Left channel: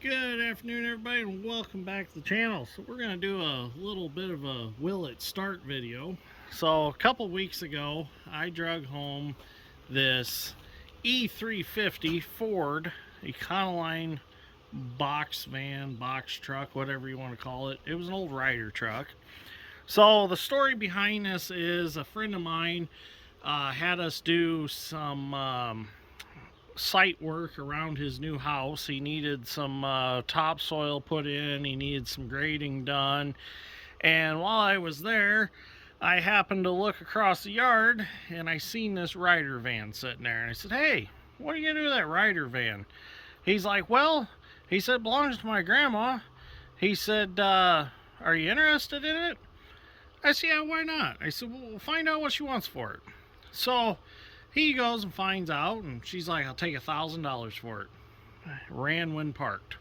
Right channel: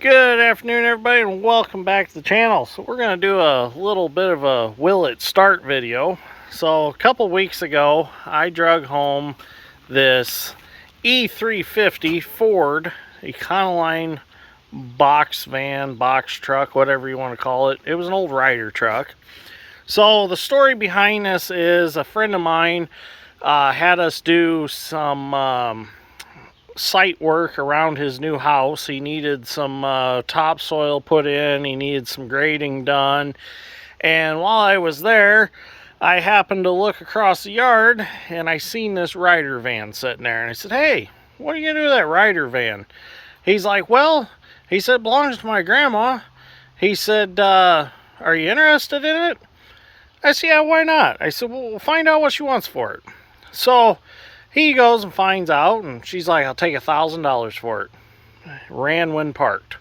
Good afternoon, everybody, and welcome back to the channel. So we're going to do a little bit of a will it start video. So a couple weeks ago, I drug home this E350 Ford Econoline box van, box truck, whatever you want to call it. It was an old Ryder truck. So the story behind this is a friend of mine had us do some site work around his new house. He needed some topsoil put in, he needed some grading done, and while I was there, I happened to look across the yard and I seen this Ryder van sitting there, and I said, "Hey, what are you gonna do with that Ryder van?" He's like, "Well," he said, "it belongs to my grandma." He said, "Are you interested in it?" I said, "Yeah, why not?" I said, "Well, we'll find out what she wants for it." So he goes and finds out, and she's like, "I'll take $1,000 for it." Ran when parked.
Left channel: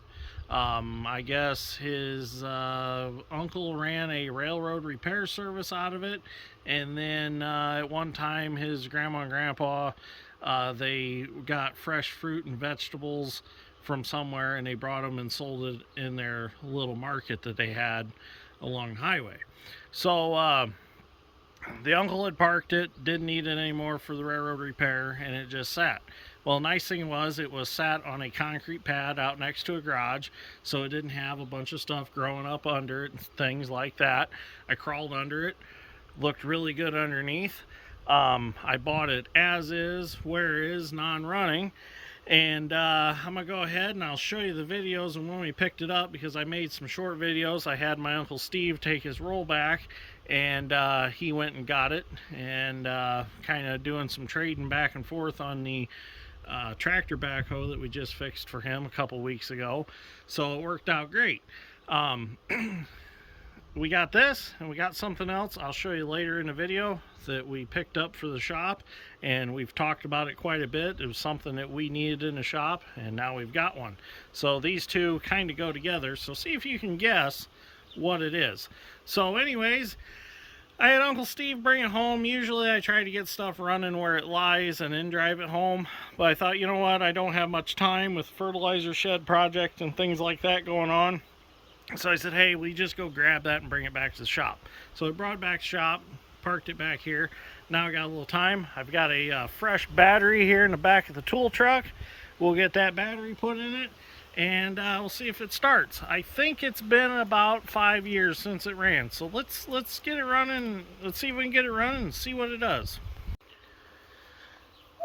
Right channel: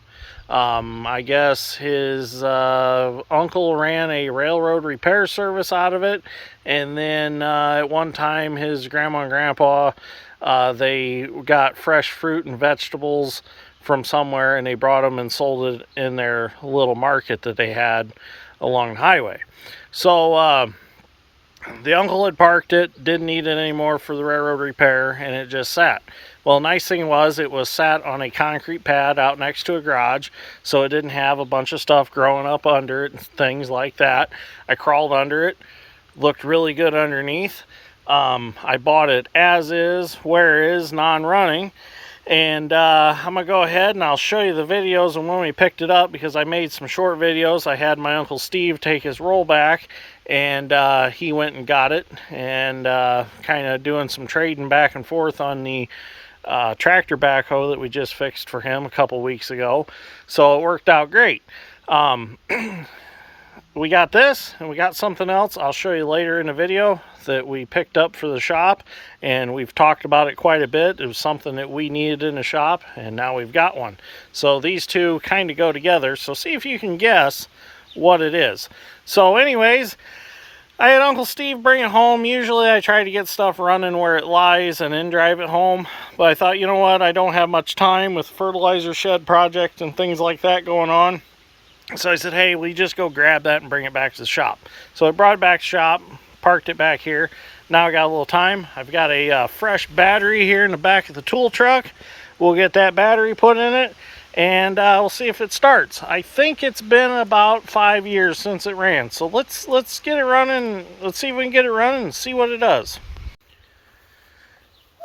I guess his uncle ran a railroad repair service out of it, and then at one time his grandma and grandpa, they got fresh fruit and vegetables from somewhere, and they brought them and sold it in their little market that they had along the highway. So the uncle had parked it, didn't need it anymore for the railroad repair, and it just sat. Well, nice thing was it was sat on a concrete pad out next to a garage, so it didn't have a bunch of stuff growing up under it and things like that. I crawled under it, looked really good underneath. I bought it as is, where is, non-running. And I'm going to go ahead and I'll show you the videos and when we picked it up, because I made some short videos. I had my Uncle Steve take his rollback, and he went and got it, and kind of doing some trading back and forth on the tractor backhoe that we just fixed for him a couple weeks ago. So it worked out great. We got this, and we got something else I'll show you later in the video that we picked up for the shop, and we've talked about it quite a bit. It was something that we needed in the shop, and now we've got one. So these two kind of go together, so see if you can guess what it is. So anyways, I had Uncle Steve bring it home. Usually I try to get stuff running where it lies and then drive it home, but I thought, you know what, I don't have much time with fertilizer shed project and things like that going on. So I said, "Hey, will you just go grab that and bring it back to the shop?" So I brought it back to the shop, parked it back here. Now I got a little time. I've got a fresh battery here in the back of the tool truck. We'll get that battery put in it, and we'll see if it starts. I think it's been about 5 years since it ran. So let's get it running. Let's see if we can get it running and see what it does.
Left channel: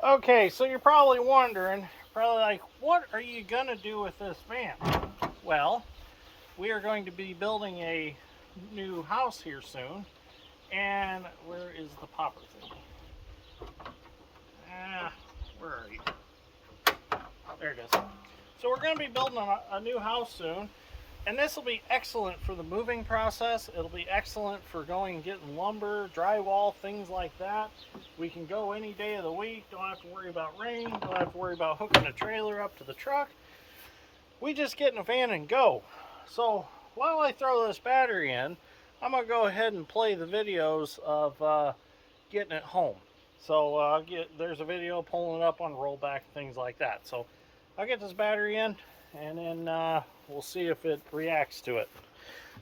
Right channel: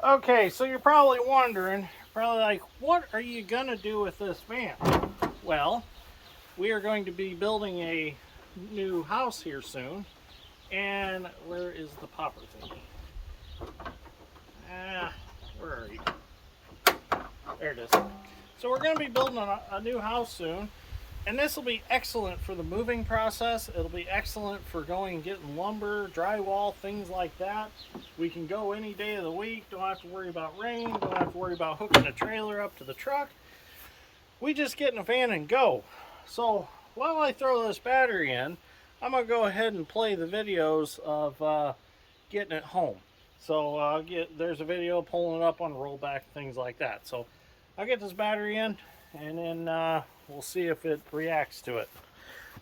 Okay, so you're probably wondering, like, what are you gonna do with this van? Well, we are going to be building a new house here soon. And where is the popper thing? Where are you? There it is. So we're going to be building a new house soon. And this will be excellent for the moving process. It'll be excellent for going and getting lumber, drywall, things like that. We can go any day of the week. Don't have to worry about rain. Don't have to worry about hooking a trailer up to the truck. We just get in a van and go. So while I throw this battery in, I'm going to go ahead and play the videos of getting it home. So there's a video pulling it up on rollback, things like that. So I'll get this battery in, and then we'll see if it reacts to it.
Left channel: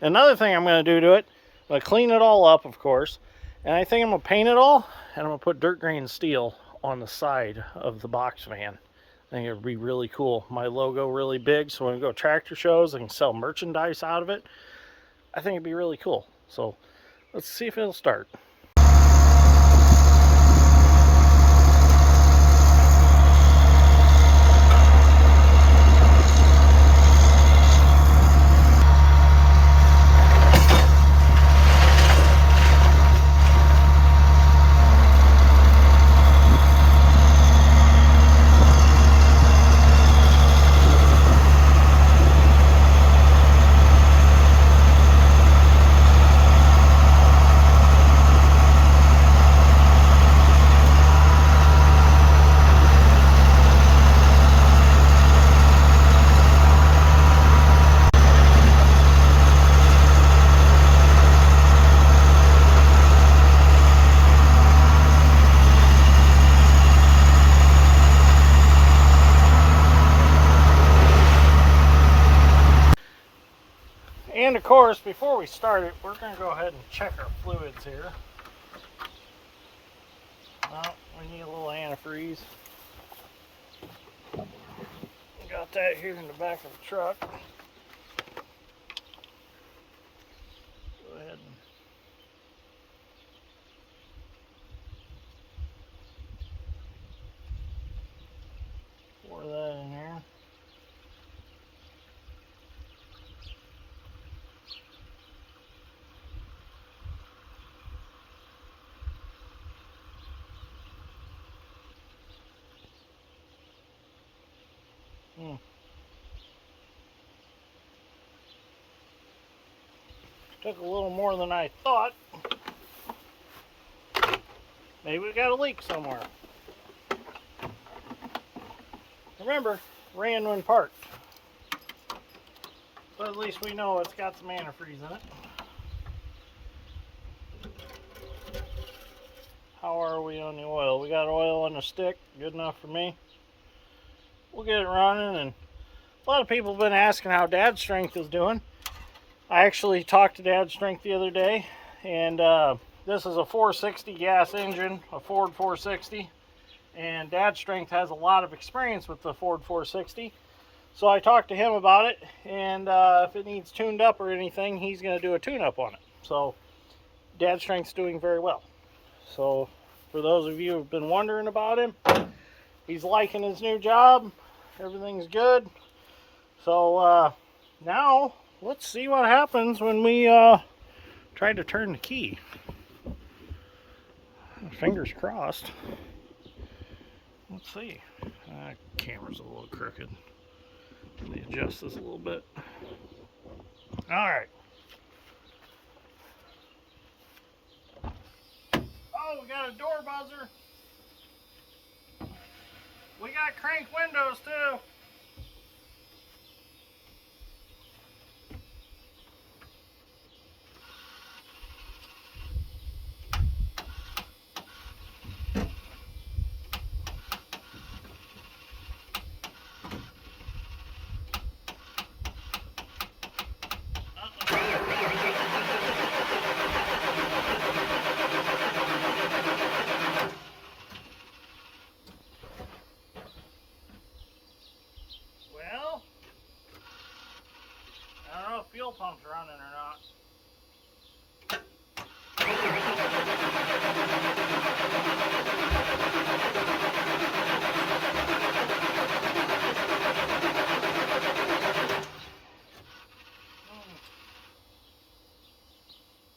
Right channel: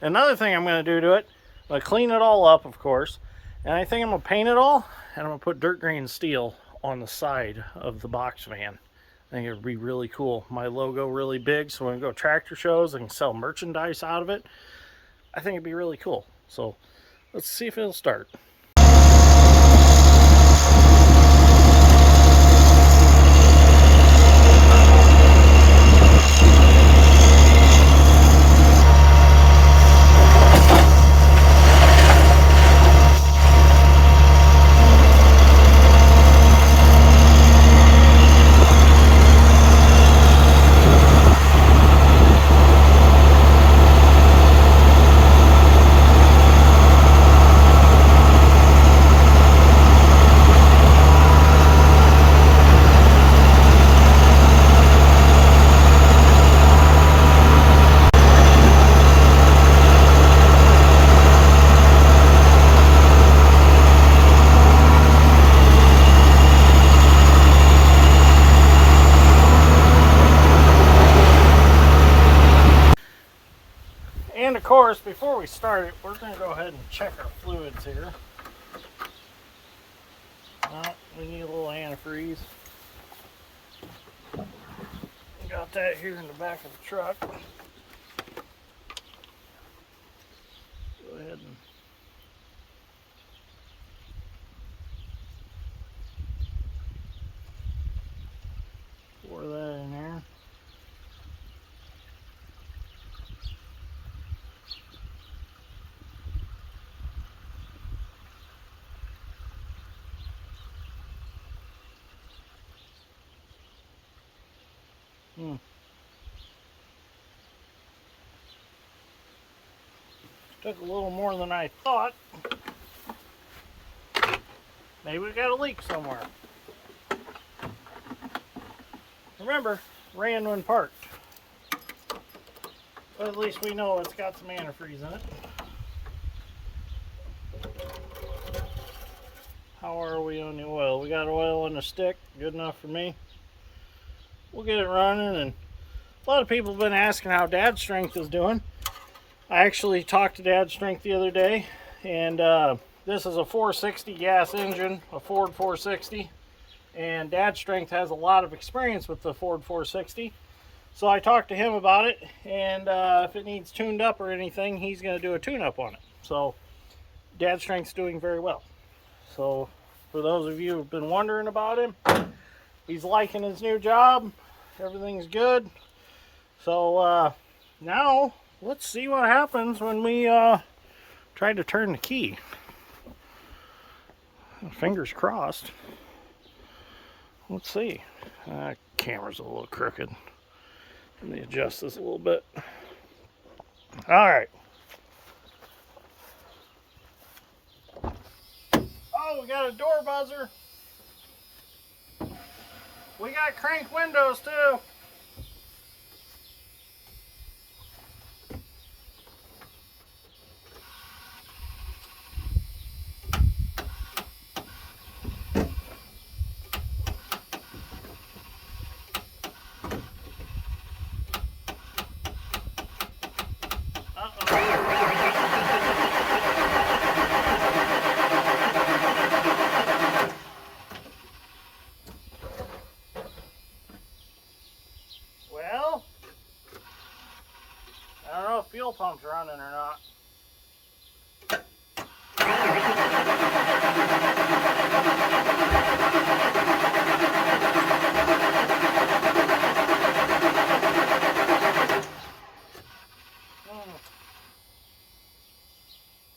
Another thing I'm going to do to it, I'm going to clean it all up, of course, and I think I'm going to paint it all, and I'm going to put dirt grain steel on the side of the box van. I think it would be really cool. My logo really big, so when we go tractor shows, I can sell merchandise out of it. I think it'd be really cool. So let's see if it'll start. course, before we start it, we're going to go ahead and check our fluids here. Well, we need a little antifreeze. Got that here in the back of the truck. Go ahead and pour that in there. Took a little more than I thought. Maybe we got a leak somewhere. Remember, ran when parked. But at least we know it's got some antifreeze in it. How are we on the oil? We got oil on the stick, good enough for me. We'll get it running, and a lot of people have been asking how Dad's Strength is doing. I actually talked to Dad's Strength the other day, and this is a 460 gas engine, a Ford 460, and Dad's Strength has a lot of experience with the Ford 460. So I talked to him about it, and if it needs tuned up or anything, he's going to do a tune-up on it. So Dad's Strength's doing very well. So for those of you who've been wondering about him, he's liking his new job. Everything's good. So now let's see what happens when we try to turn the key. Fingers crossed. Let's see. Camera's a little crooked. Let me adjust this a little bit. All right. Oh, we got a door buzzer. We got crank windows too. Well, I don't know if fuel pump's running or not.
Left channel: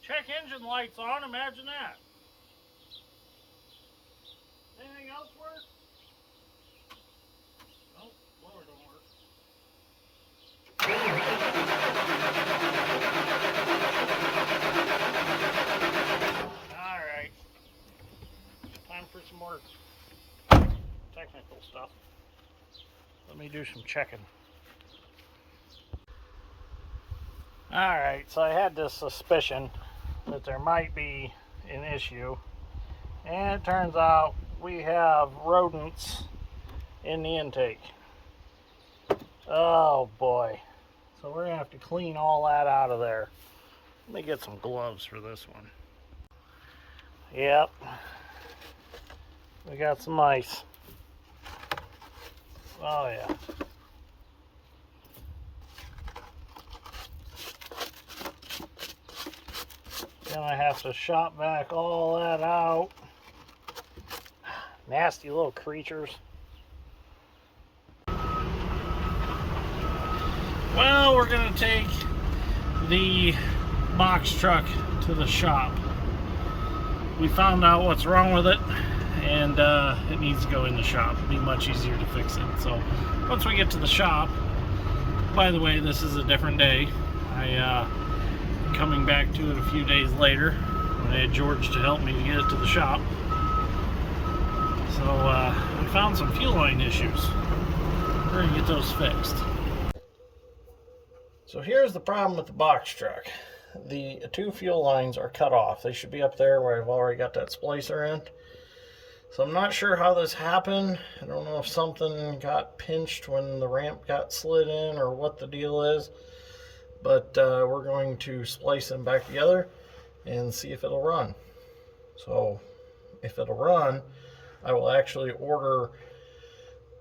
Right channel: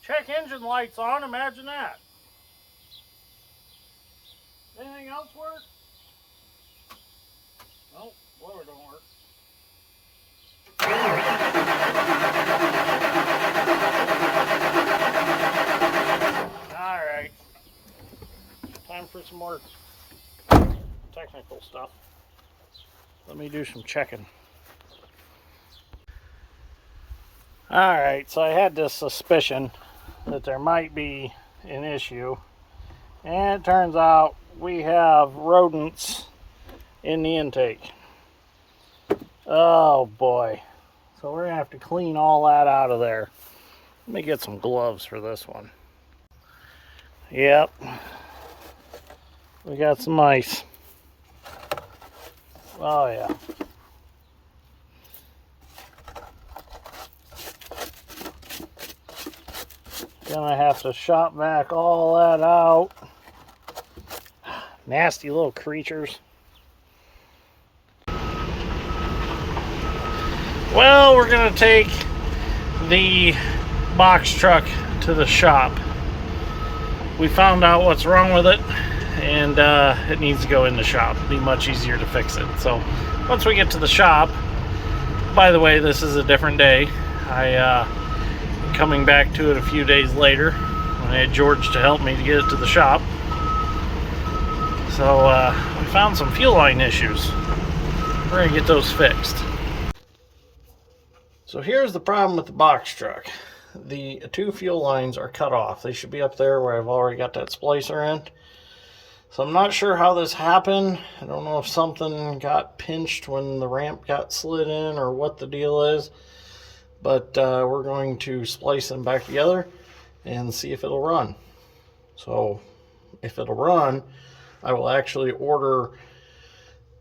Check engine lights on, imagine that. Anything else work? Nope, blower don't work. Alright. Time for some more technical stuff. Let me do some checking. Alright, so I had this suspicion that there might be an issue, and it turns out we have rodents in the intake. Oh boy. So we're gonna have to clean all that out of there. Let me get some gloves for this one. Yep. We got some ice. Oh yeah. Gonna have to shop vac all that out. Nasty little creatures. Well, we're gonna take the box truck to the shop. We found out what's wrong with it, and it needs to go in the shop. It'll be much easier to fix it. So once we get to the shop, by the way, this is a different day. Coming back to it a few days later when I had George to help me to get it to the shop. So we found some fuel line issues. We're gonna get those fixed. So here's the problem with the box truck. The two fuel lines are cut off. They should be up there where I've already got that splicer in. So I'm not sure how this happened. I don't know if something got pinched when the ramp got slid in or what the deal is. but we're going to splice them back together and see if it'll run. So if it'll run, I will actually order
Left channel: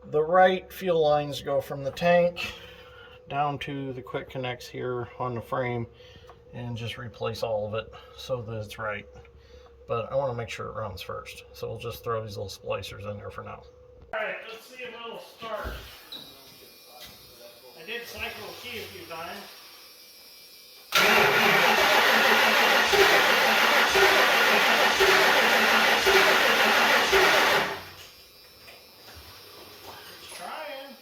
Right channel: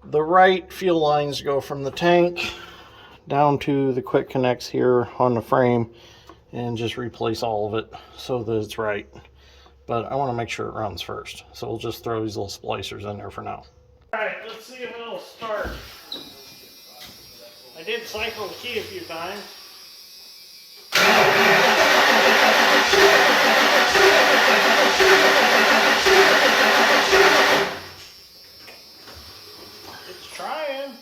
the right fuel lines to go from the tank down to the quick connects here on the frame and just replace all of it so that it's right. But I want to make sure it runs first. So we'll just throw these little splicers in there for now. Alright, let's see if it'll start. I did cycle the key a few times. It's trying.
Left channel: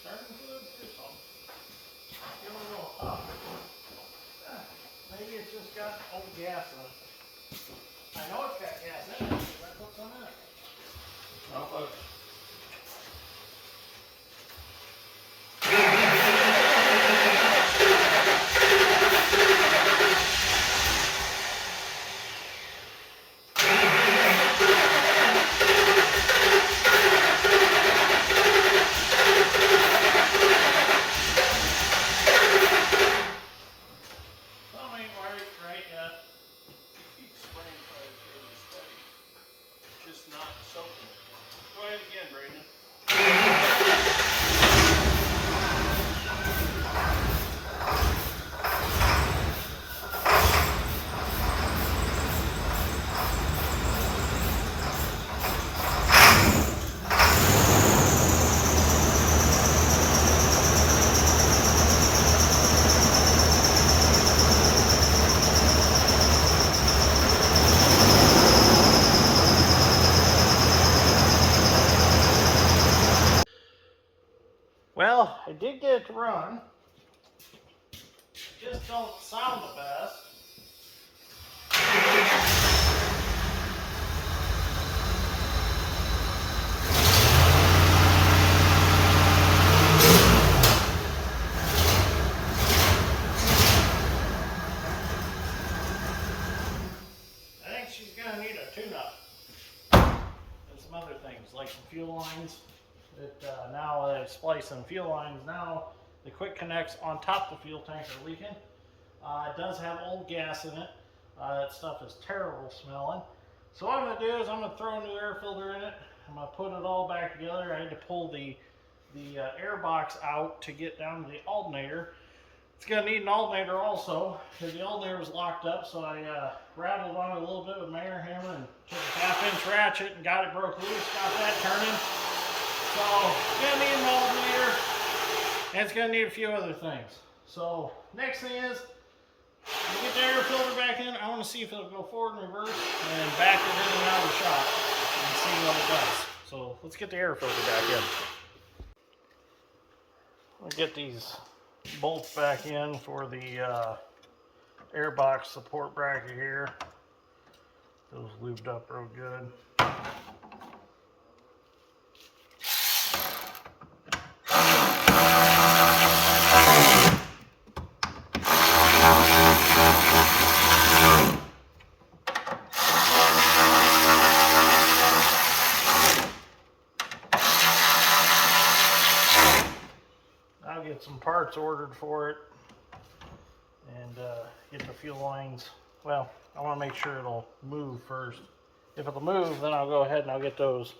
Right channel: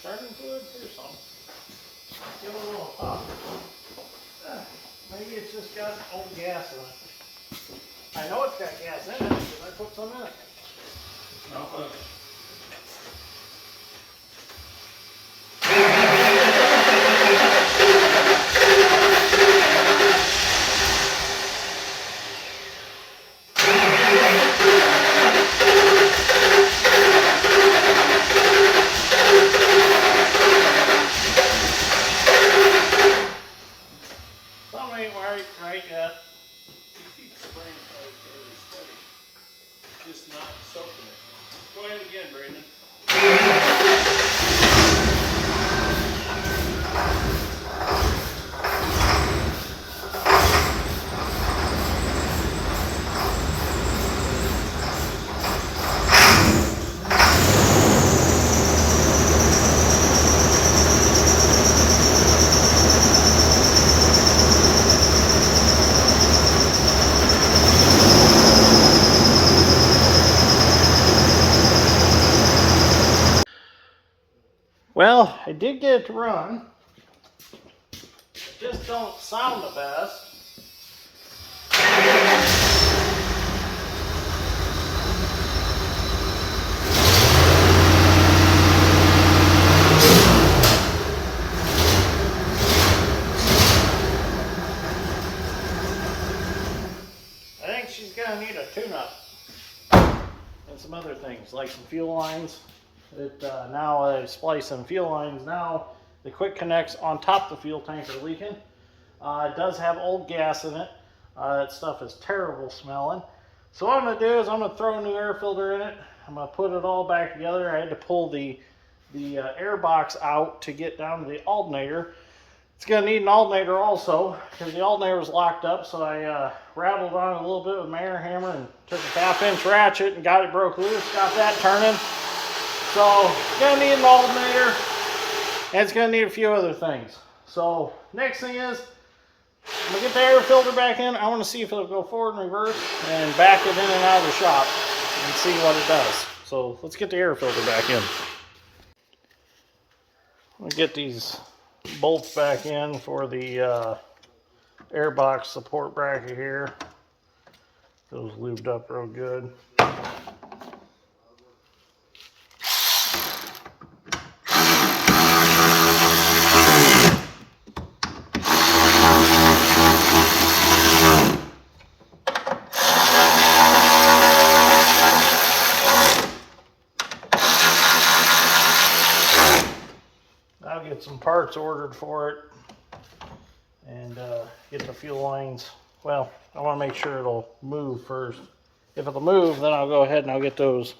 Starting fluid or something. Give it a little pop. Maybe it's just got old gas in it. I know it's got gas in it because I put some in it. No, something ain't right yet. You keep spraying just not soaking it. Go ahead again, Brandon. Well, I did get it to run. It just don't sound the best. I think she's gonna need a tune-up and some other things like some fuel lines. Now I splice some fuel lines. Now the quick connects on top of the fuel tank are leaking. It does have old gas in it. That stuff is terrible smelling. So what I'm going to do is I'm going to throw a new air filter in it. I'm going to put it all back together. I had to pull the air box out to get down to the alternator. It's going to need an alternator also because the alternator was locked up. So I rattled on it a little bit with my air hammer and took a 1/2-inch ratchet and got it broke loose. Got that turning. So it's going to need an alternator, and it's going to need a few other things. So next thing is, I'm going to get the air filter back in. I want to see if it'll go forward and reverse, and back it in and out of the shop, and see what it does. So let's get the air filter back in. We'll get these bolts back in for the air box support bracket here. Those lubed up real good. I'll get some parts ordered for it and get the fuel lines. Well, I want to make sure it'll move first. If it'll move, then I'll go ahead and I'll get those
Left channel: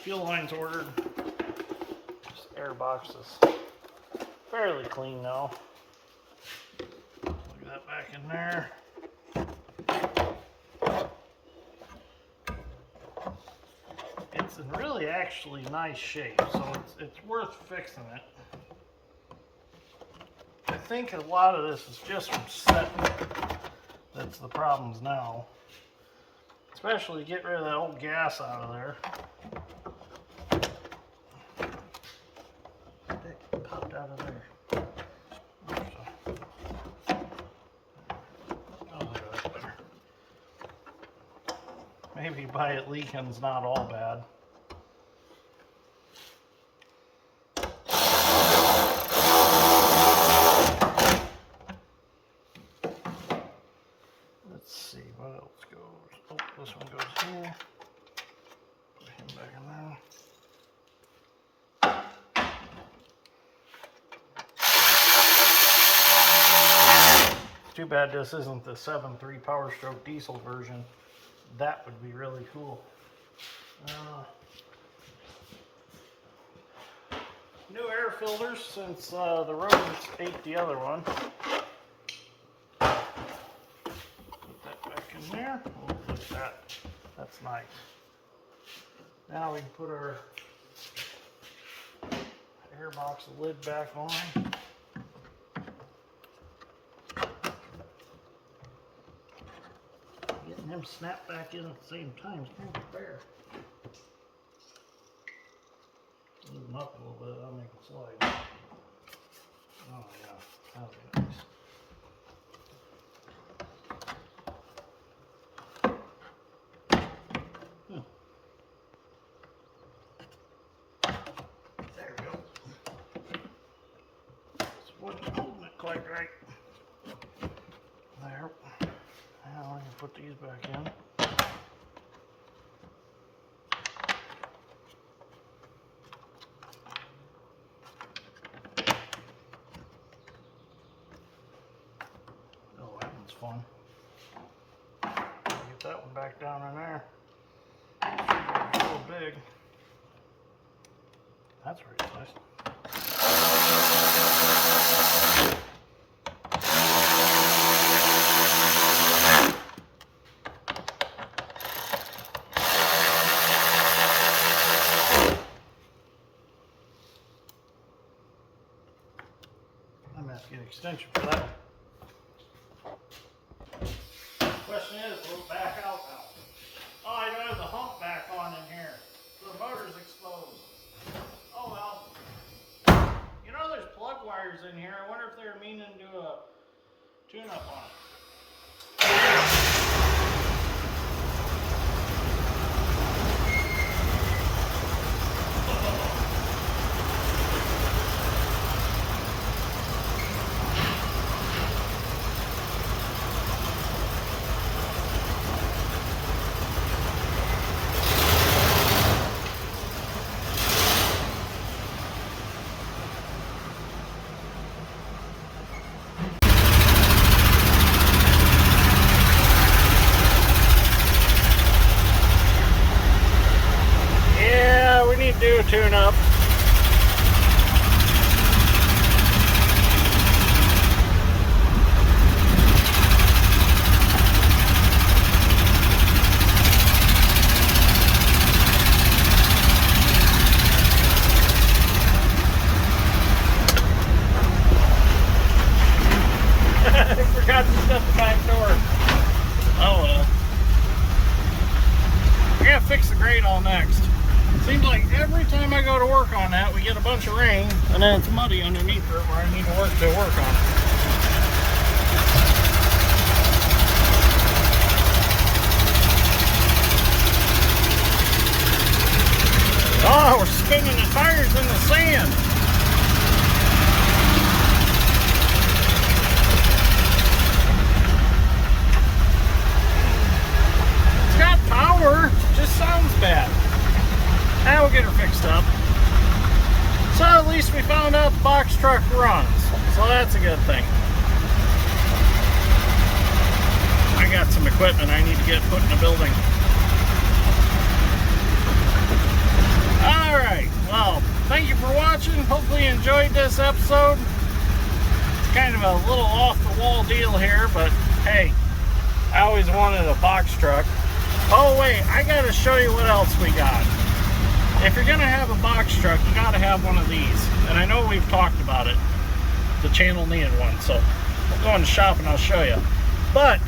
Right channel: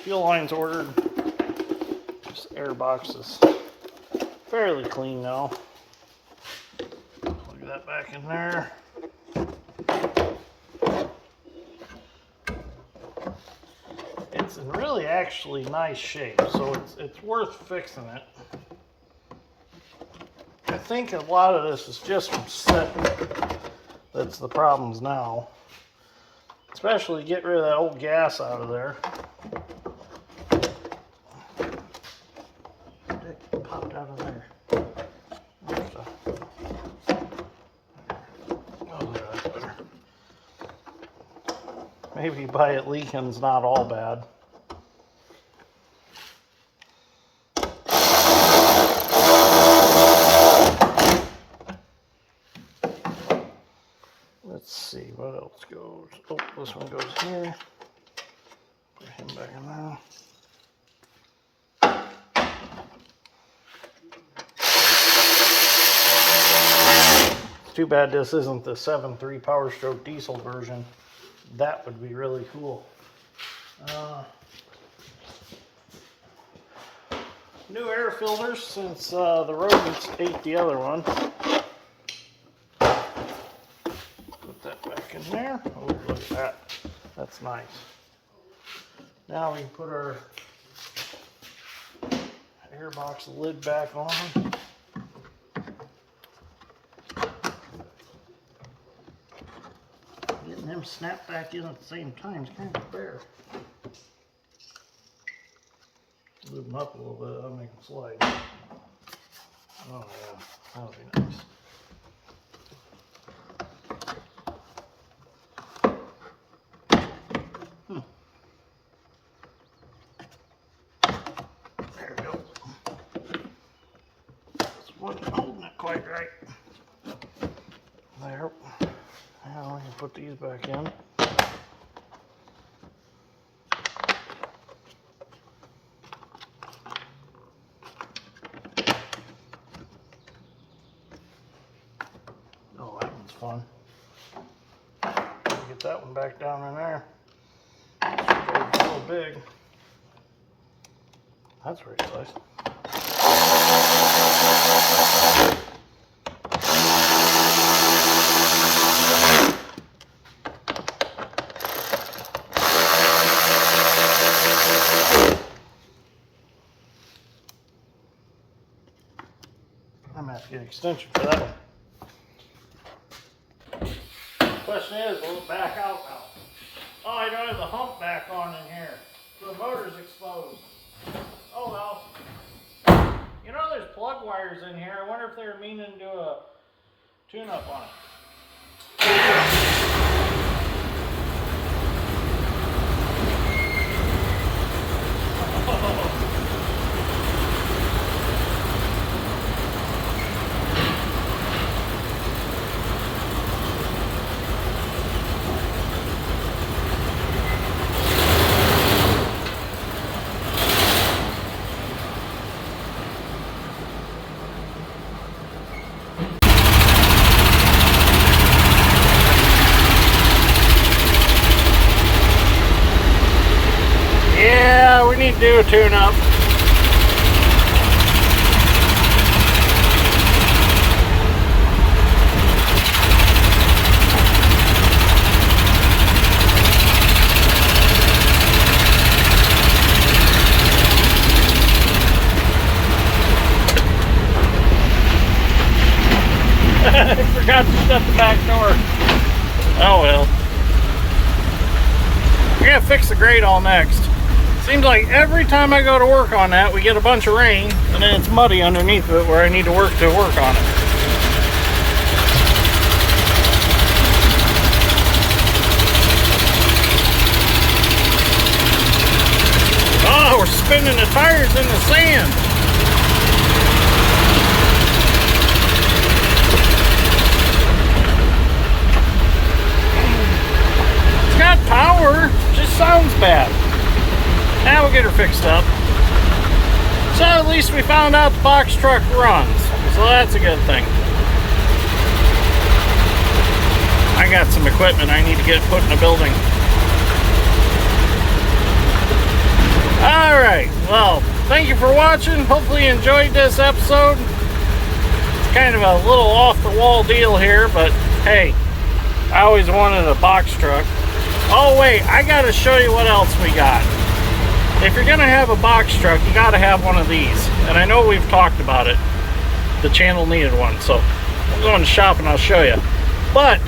fuel lines ordered. This air box is fairly clean now. Plug that back in there. It's in really actually nice shape, so it's worth fixing it. I think a lot of this is just from setting. That's the problems now. Especially get rid of that old gas out of there. It popped out of there. Maybe by it leaking is not all bad. one goes here. Put him back in there. It's too bad this isn't the 7.3 Power Stroke diesel version. That would be really cool. New air filters since the rodents ate the other one. Put that back in there. Oh, look at that. That's nice. Now we can put our air box lid back on. Getting them snapped back in at the same time is kind of fair. Move them up a little bit, I'll make them slide. Oh yeah, that'll be nice. There we go. This wasn't holding it quite right. There. Now we can put these back in. Oh, that one's fun. Get that one back down in there. It's a little big. That's very nice. I'm gonna have to get an extension for that one. Question is, will it back out now? Oh, I don't have the hump back on in here. So the motor's exposed. Oh well. You know there's plug wires in here. I wonder if they're meaning to do a tune-up on it. Do a tune-up. I forgot to shut the back door. Oh well. I gotta fix the grate all next. Seems like every time I go to work on that, we get a bunch of rain, and then it's muddy underneath it where I need to work on it. Oh, we're spinning the tires in the sand. It's got power, just sounds bad. Now we'll get her fixed up. So at least we found out the box truck runs. So that's a good thing. I got some equipment I need to get put in a building. Alright, well, thank you for watching. Hopefully you enjoyed this episode. It's kind of a little off-the-wall deal here, but hey, I always wanted a box truck. Oh wait, I gotta show you what else we got. If you're gonna have a box truck, you gotta have one of these. And I know we've talked about it. The channel needed one, so we'll go in the shop and I'll show you. But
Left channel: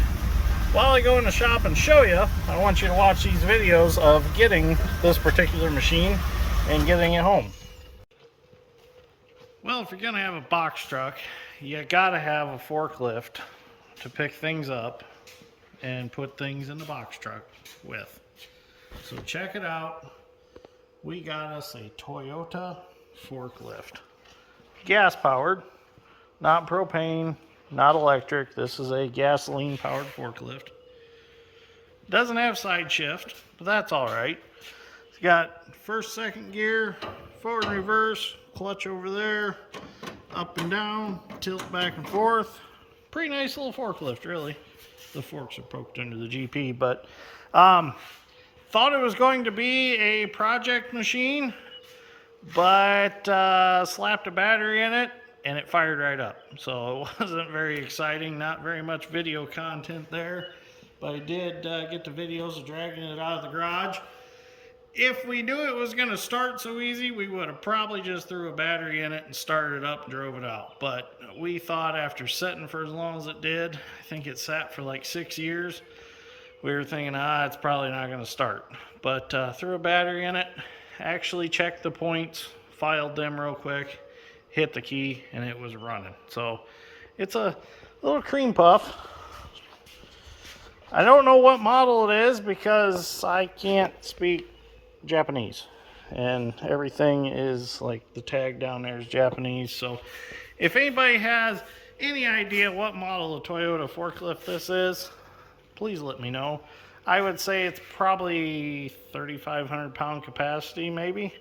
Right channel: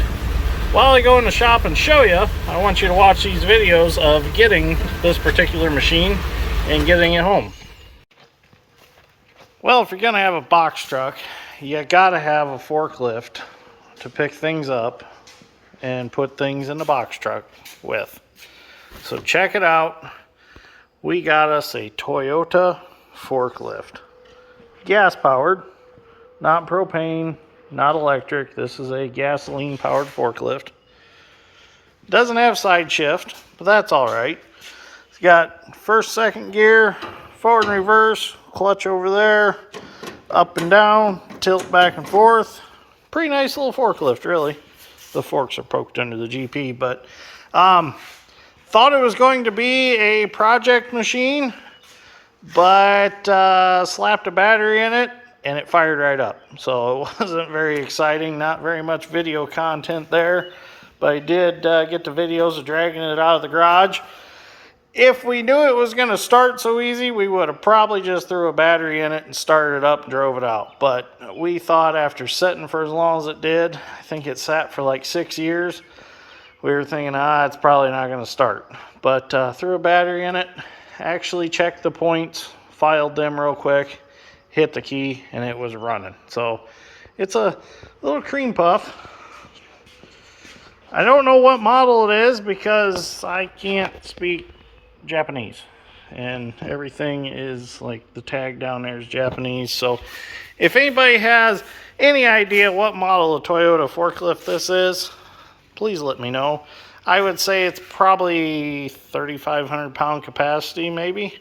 while I go in the shop and show you, I want you to watch these videos of getting this particular machine and getting it home. Well, if you're gonna have a box truck, you gotta have a forklift to pick things up and put things in the box truck with. So check it out. We got us a Toyota forklift. Gas powered, not propane, not electric. This is a gasoline powered forklift. Doesn't have side shift, but that's all right. It's got first, second gear, forward and reverse, clutch over there, up and down, tilt back and forth. Pretty nice little forklift, really. The forks are poked under the GP, but thought it was going to be a project machine, but slapped a battery in it and it fired right up. So it wasn't very exciting, not very much video content there, but I did get the videos of dragging it out of the garage. If we knew it was going to start so easy, we would have probably just threw a battery in it and started it up and drove it out. But we thought after sitting for as long as it did, I think it sat for like 6 years, we were thinking, it's probably not going to start. But threw a battery in it, actually checked the points, filed them real quick, hit the key, and it was running. So it's a little cream puff. I don't know what model it is because I can't speak Japanese, and everything is like the tag down there is Japanese. So if anybody has any idea what model of Toyota forklift this is, please let me know. I would say it's probably 3,500 pound capacity, maybe.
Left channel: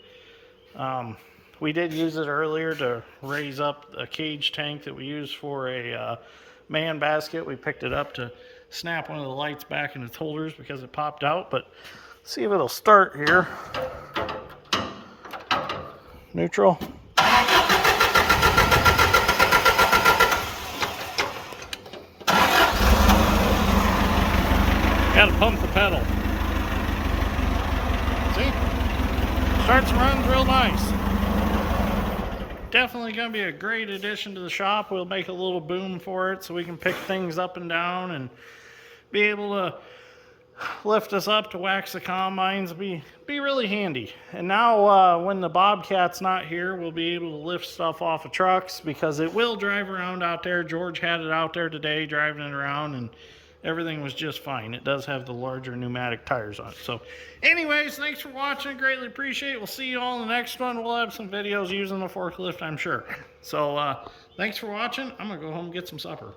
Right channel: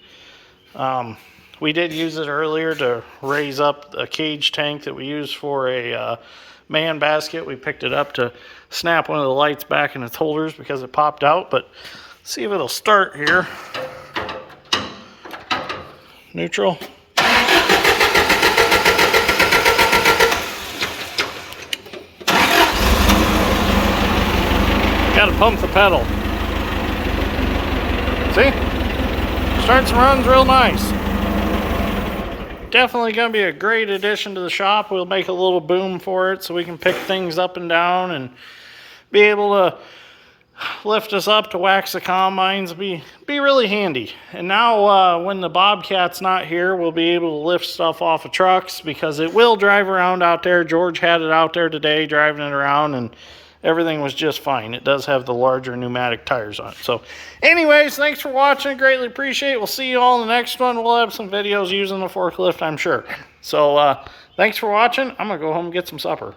We did use it earlier to raise up a cage tank that we use for a man basket. We picked it up to snap one of the lights back in its holders because it popped out, but see if it'll start here. Neutral. Gotta pump the pedal. See? Starts and runs real nice. Definitely gonna be a great addition to the shop. We'll make a little boom for it so we can pick things up and down and be able to lift us up to wax the combines. Be really handy. And now when the Bobcat's not here, we'll be able to lift stuff off of trucks because it will drive around out there. George had it out there today driving it around and everything was just fine. It does have the larger pneumatic tires on it. So anyways, thanks for watching. Greatly appreciate it. We'll see you all in the next one. We'll have some videos using the forklift, I'm sure. So thanks for watching. I'm gonna go home and get some supper.